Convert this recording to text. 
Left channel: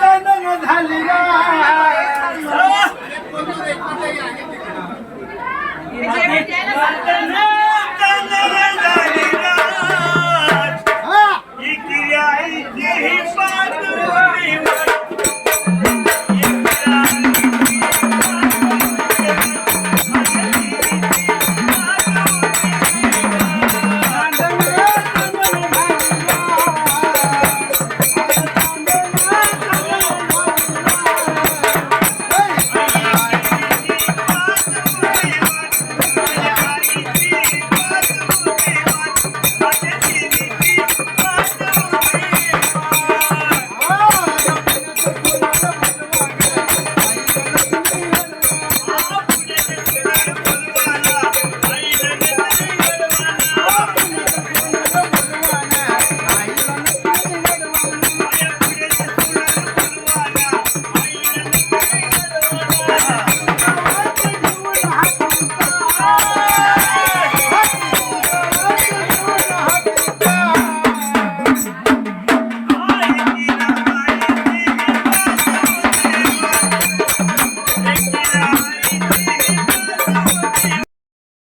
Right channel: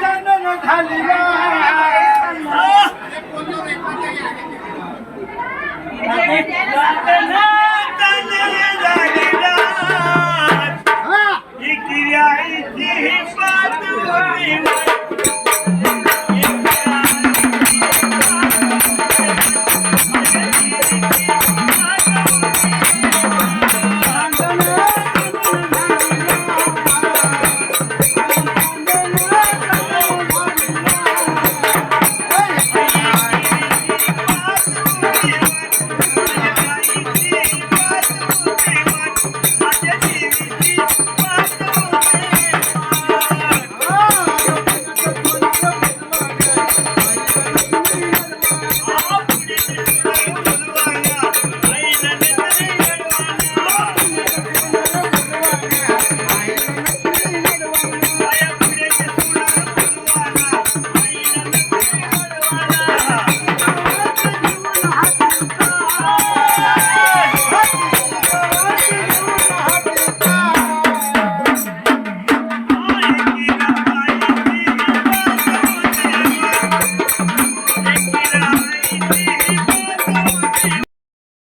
चांदण्या झाली